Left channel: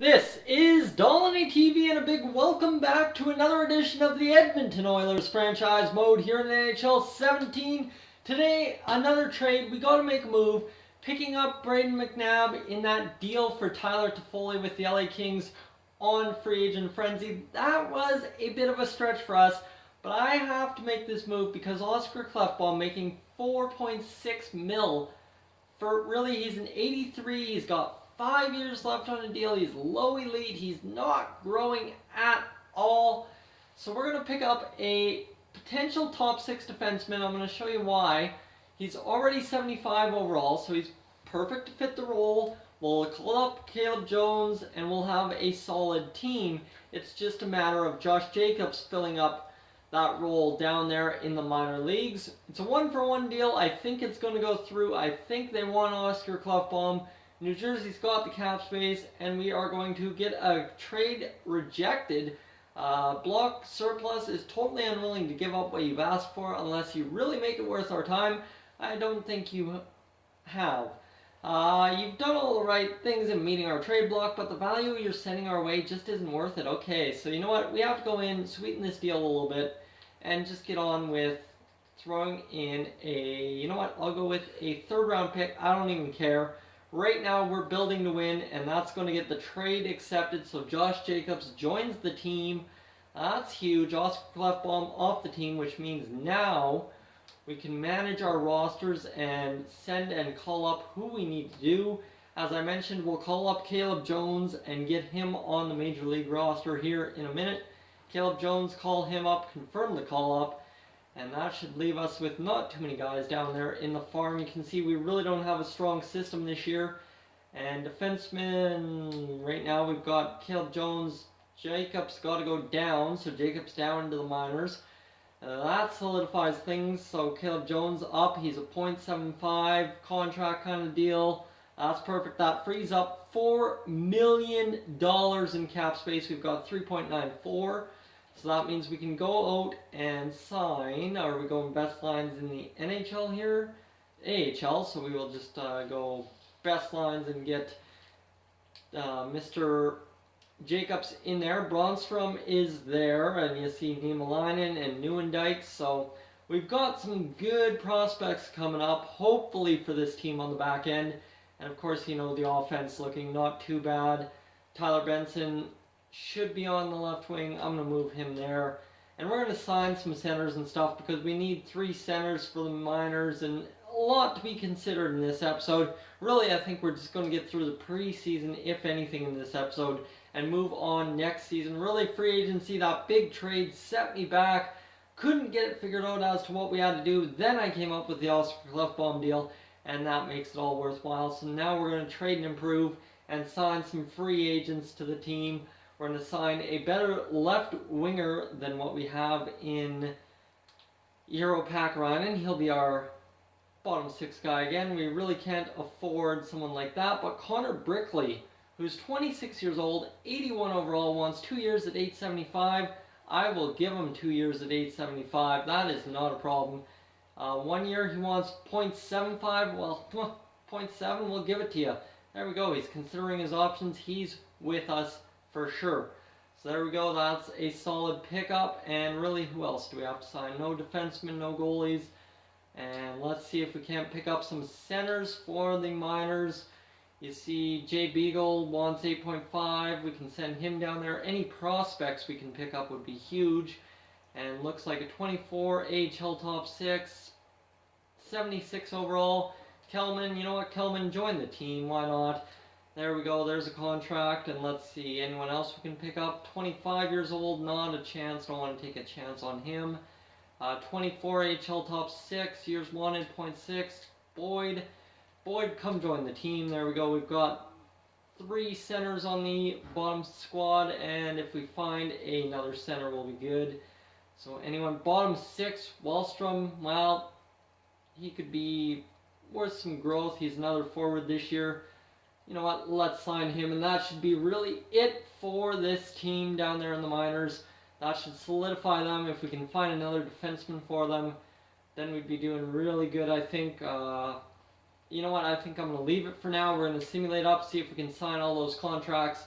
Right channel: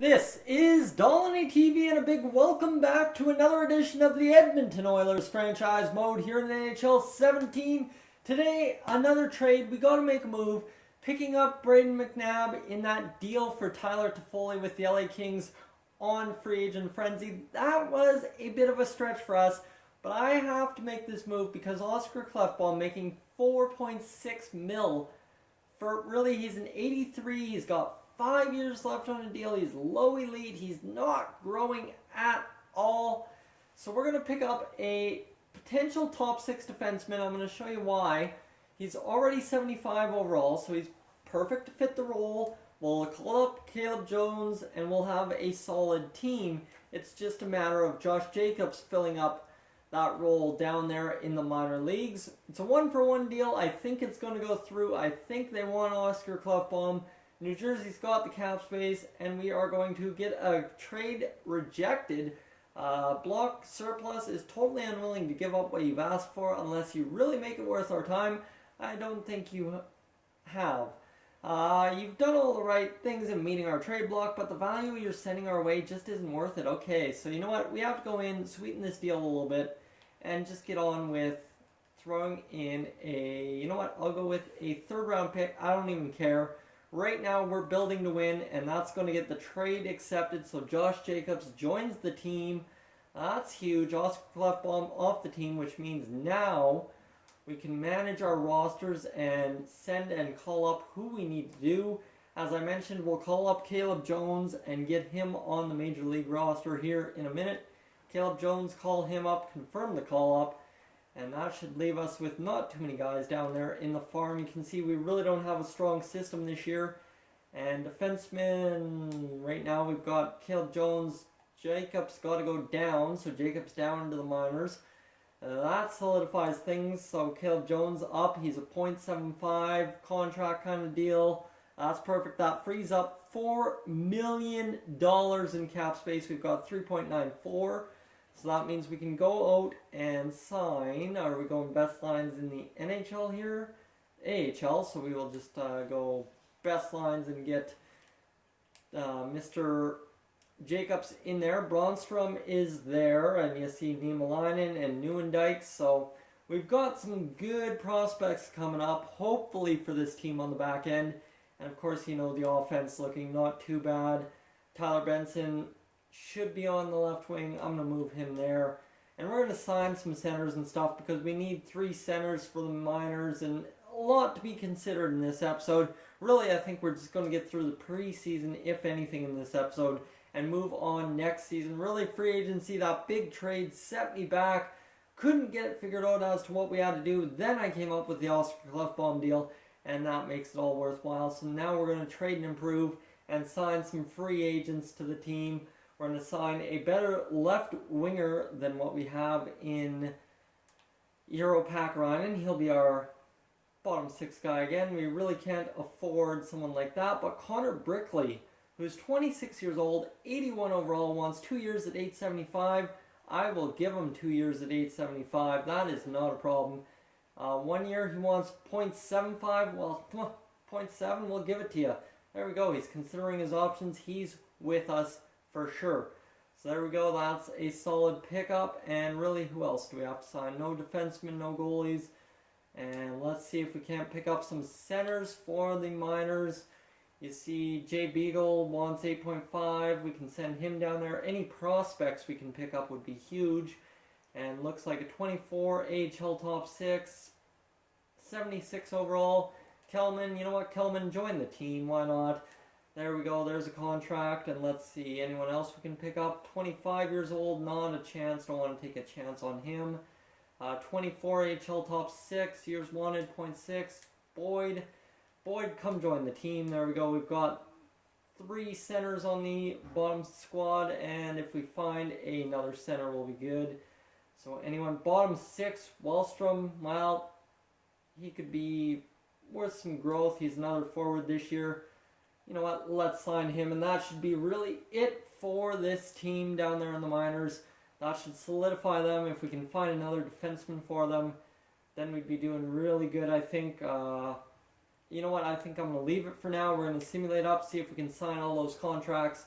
This is Dolly TV and a big welcome back to another edition of the Edmonton Oilers franchise mode here in NHL 17. Today, another trade. We got to make a move. Picking up Braden McNabb in that deal for Tyler Toffoli with the LA Kings on free agent frenzy. That was a bit of a stretch for us, but I have to make this move because Oscar Klefbom making 4.6 mil for really, he's an 83. He's got 5 years left on a deal. He's low elite. He's not growing at all. So we're going to pick up a potential top six defenseman. I'm going to show you why. He's already 75 overall, so he's perfect to fit the role. We'll call up Caleb Jones, and we'll have a solid team. It's just a matter of Josh Jacobs filling up that role down there in the minor leagues. It's a one-for-one deal. I think it's going to go through. I think they want Oscar Klefbom. New Jersey's got the cap space, and we are going to get a trade rejected. Block Surplus is totally unwilling to give up what you've asked for unless you really make it worth our time. I don't think you have. You've done all the right things in meeting our trade block, but the value you're sending our way just isn't worth it. Okay, so you know what? We have to go in, sweeten this deal a little bit, and just get on with throwing in a, you know what? I'll go with a third round pick. I don't even care. Right now, we're building to win, and that's going to get the trade accepted. So Josh Jacobs joins the team. That's huge. Oscar Klefbom off the team, which means now we can manage our rosters and send and call up who we need to do. As I mentioned, we'll call up Caleb Jones and get him on the Major League roster here in a minute. Caleb Jones, call him up, confirm the call up, and that should leave us with not too many guys down there in the farm. You can see we really don't have a strong system this year. And defensemen, right now we've got Caleb Jones. Jacobs got to go down, so Jacobs down into the minors. That solidifies things. So Caleb Jones up. He's a .75 contract kind of deal. That's perfect. That frees up $4 million in cap space. We've got 3.94. So that means we can go out and sign. Are we going best lines in the NHL here? AHL. So we will just go best lines and get Mr. Jacobs in there. Bronstrom is there, and you see Niemelainen and Nieuwendyk. So we've got some good prospects coming up, hopefully for this team on the back end. And of course, you know, the offense looking not too bad. Tyler Benson should be on the left wing. I'm going to move him there. And we're going to sign some centers and stuff because we need 3 centers for the minors and a lot to be considered in this episode. Really, I think we're just going to get through the preseason, if anything, in this episode and move on next season. Really, free agency, that big trade set me back. Couldn't get it figured out as to what we had to do. Then I came up with the Oscar Klefbom deal, and that makes it all worthwhile. So now we're going to trade and improve and sign some free agents to the team. We're going to sign a better left winger than what we have in Euro Pakarainen. He'll be our bottom 6 guy again. We really can't afford someone like that. But Connor Brickley, who's 26 years old, 81 overall, wants 2 years at $875. I will give him 2 years at $875. That is not a problem. 1 year he wants .75. Well, .7, we'll give it to you. There we go. He's considering his options. He's with us for sure. So there we go. That's a solid pickup. And really, who else do we have to sign? No defensemen, no goalies. And let's see if we can't pick up some centers for the minors. You see Jay Beagle wants 8.5. We can send him down there. Any prospects we can pick up would be huge. And looks like a 24 AHL top 6. 76 overall. Kelman, you know what? Kelman joined the team. Why not? There we go. There's a contract. And let's see. Anyone else we can pick up? 25 years old. Not a chance. Don't want to take a chance on him. 24 AHL top 6. Years wanted. .6. Boyd, come join the team. There we go. We've got 3 centers on the bottom squad. And if we find another center, we'll be good. So anyone bottom 6. Wallstrom, well, he could be worth some growth. He's another forward this year. You know what? Let's sign him. And that should be really it for this team down there in the minors. That should solidify them. If we can find another defenseman for them, then we'd be doing really good, I think. You know what? I think I'm going to leave it for now. We're going to simulate up, see if we can sign all those contracts.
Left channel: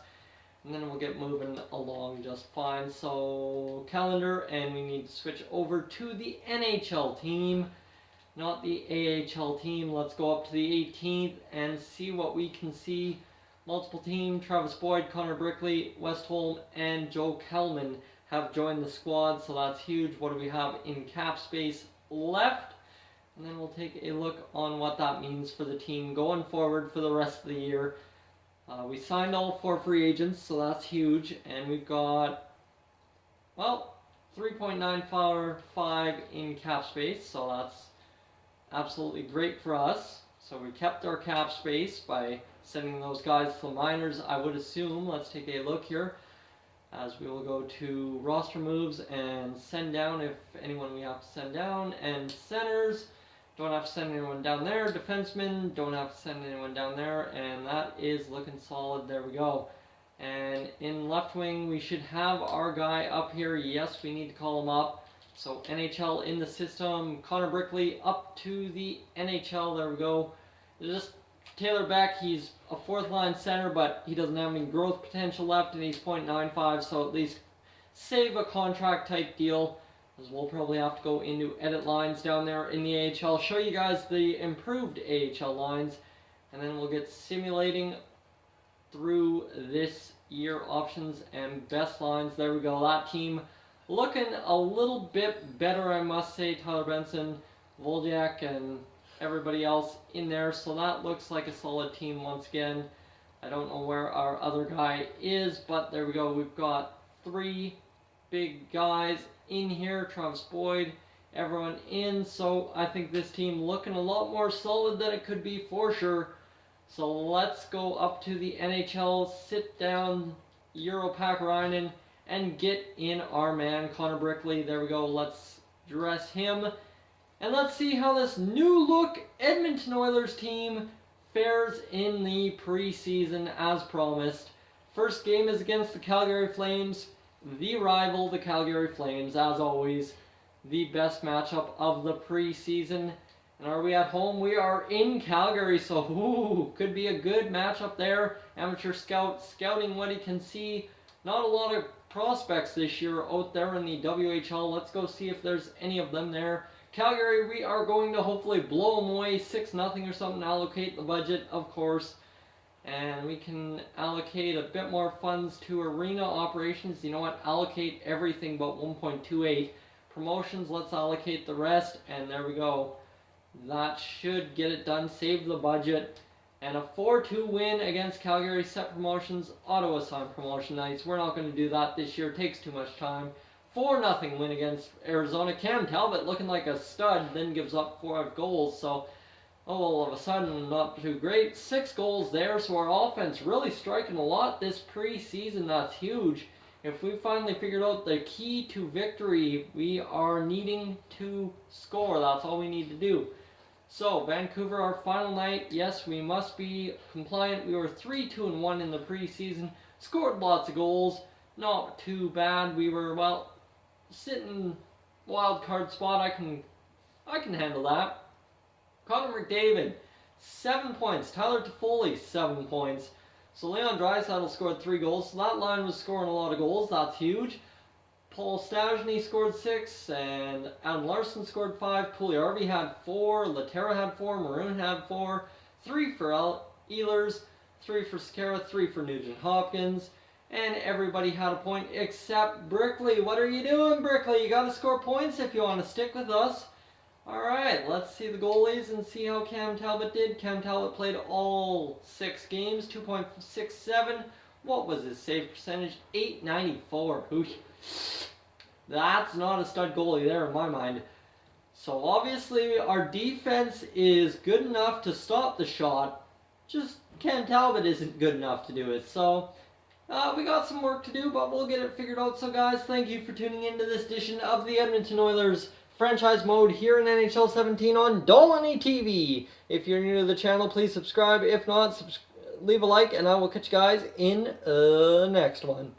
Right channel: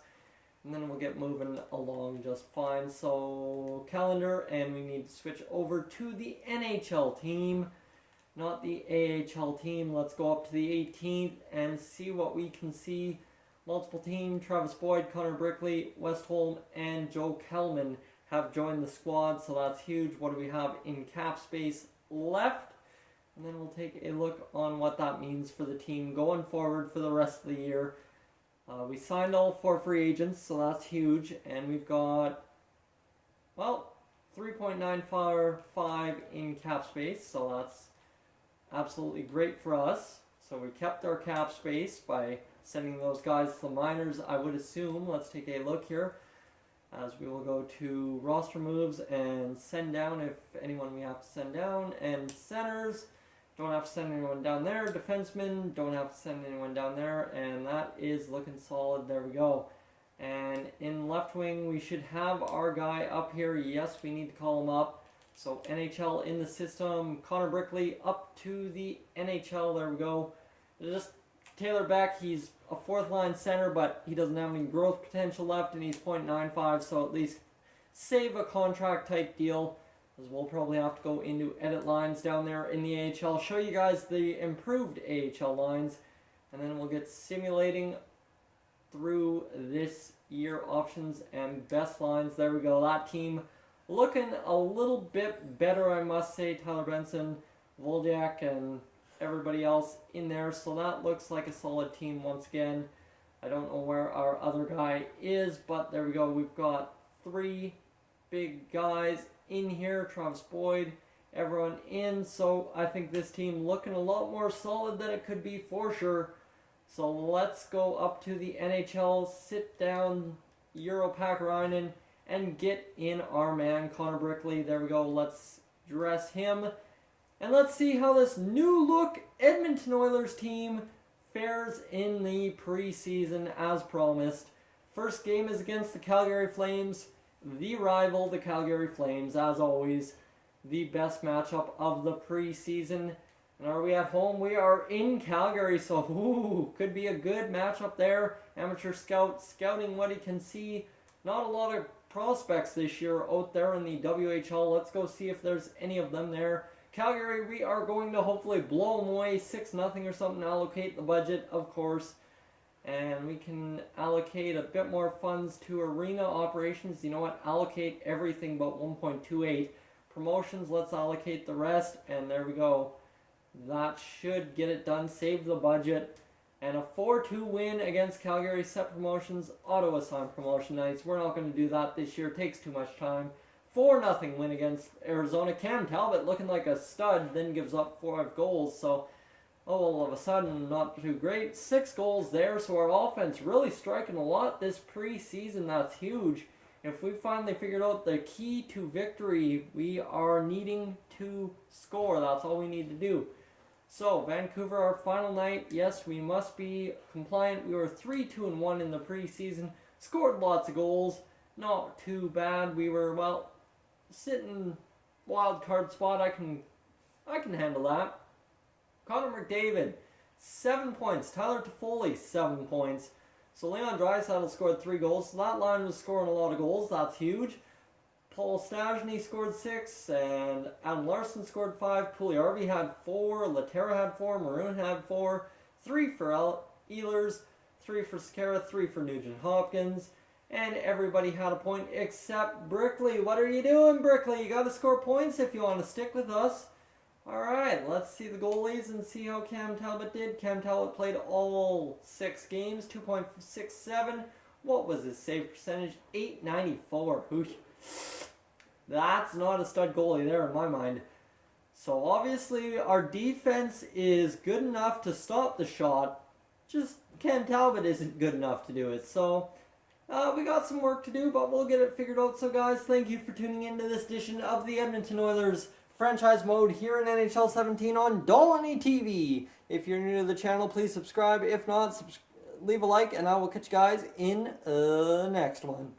and then we'll get moving along just fine. So calendar, and we need to switch over to the NHL team, not the AHL team. Let's go up to the 18th and see what we can see. Multiple team, Travis Boyd, Connor Brickley, Westholm, and Joe Kellman have joined the squad, so that's huge. What do we have in cap space left? And then we'll take a look on what that means for the team going forward for the rest of the year. We signed all 4 free agents, so that's huge. And we've got, well, 3.945 in cap space, so that's absolutely great for us. So we kept our cap space by sending those guys to the minors, I would assume. Let's take a look here as we will go to roster moves and send down if anyone we have to send down. And centers, don't have to send anyone down there. Defensemen, don't have to send anyone down there. And that is looking solid. There we go. And in left wing, we should have our guy up here. Yes, we need to call him up. So NHL in the system. Connor Brickley up to the NHL. There we go. Just Taylor Beck, he's a 4th line center, but he doesn't have any growth potential left, and he's .95, so at least save a contract type deal, as we'll probably have to go into edit lines down there in the AHL, show you guys the improved AHL lines, and then we'll get simulating through this year options and best lines. There we go. That team looking a little bit better, I must say. Tyler Benson, Voljak, and everybody else in there, so that looks like a solid team once again. I don't know where our other guy is, but there we go. We've got 3 big guys in here. Travis Boyd, everyone in, so I think this team looking a lot more solid than it could be for sure. So let's go up to the NHL, sit down Euro Pakarainen, and get in our man Connor Brickley. There we go. Let's dress him. And let's see how this new look Edmonton Oilers team fares in the preseason as promised. First game is against the Calgary Flames, the rival, the Calgary Flames, as always, the best matchup of the preseason. And are we at home? We are in Calgary, so could be a good matchup there. Amateur scout scouting what he can see. Not a lot of prospects this year out there in the WHL. Let's go see if there's any of them there. Calgary, we are going to hopefully blow them away 6-0 or something, allocate the budget, of course. And we can allocate a bit more funds to arena operations. You know what? Allocate everything but 1.28. Promotions, let's allocate the rest. And there we go. That should get it done. Save the budget. And a 4-2 win against Calgary. Set promotions. Auto assign promotion nights. We're not going to do that this year. It takes too much time. 4-0 win against Arizona. Cam Talbot looking like a stud, then gives up 5 goals. So, all of a sudden, not too great. 6 goals there, so our offense really striking a lot this preseason. That's huge. If we finally figured out the key to victory, we are needing to score. That's all we need to do. So, Vancouver, our final night. Yes, we must be compliant. We were 3-2-1 in the preseason. Scored lots of goals. Not too bad. We were, well, sitting wild card spot. I can handle that. Connor McDavid, 7 points. Tyler Toffoli, 7 points. So Leon Draisaitl scored 3 goals. So that line was scoring a lot of goals. That's huge. Paul Stastny scored 6, and Adam Larson scored 5. Puljujärvi had 4. Laterra had 4. Maroon had 4. 3 for Ehlers, 3 for Sekera, 3 for Nugent Hopkins. And everybody had a point except Brickley. What are you doing, Brickley? You got to score points if you want to stick with us. Alright, let's see the goalies and see how Cam Talbot did. Cam Talbot played all 6 games, 2.67. What was his save percentage? .894. That's not a stud goalie there in my mind. So obviously our defense is good enough to stop the shot. Just Cam Talbot isn't good enough to do it. So we got some work to do, but we'll get it figured out. So guys, thank you for tuning into this edition of the Edmonton Oilers franchise mode here in NHL 17 on Dolany TV. If you're new to the channel, please subscribe. If not, leave a like, and I will catch you guys in the next one.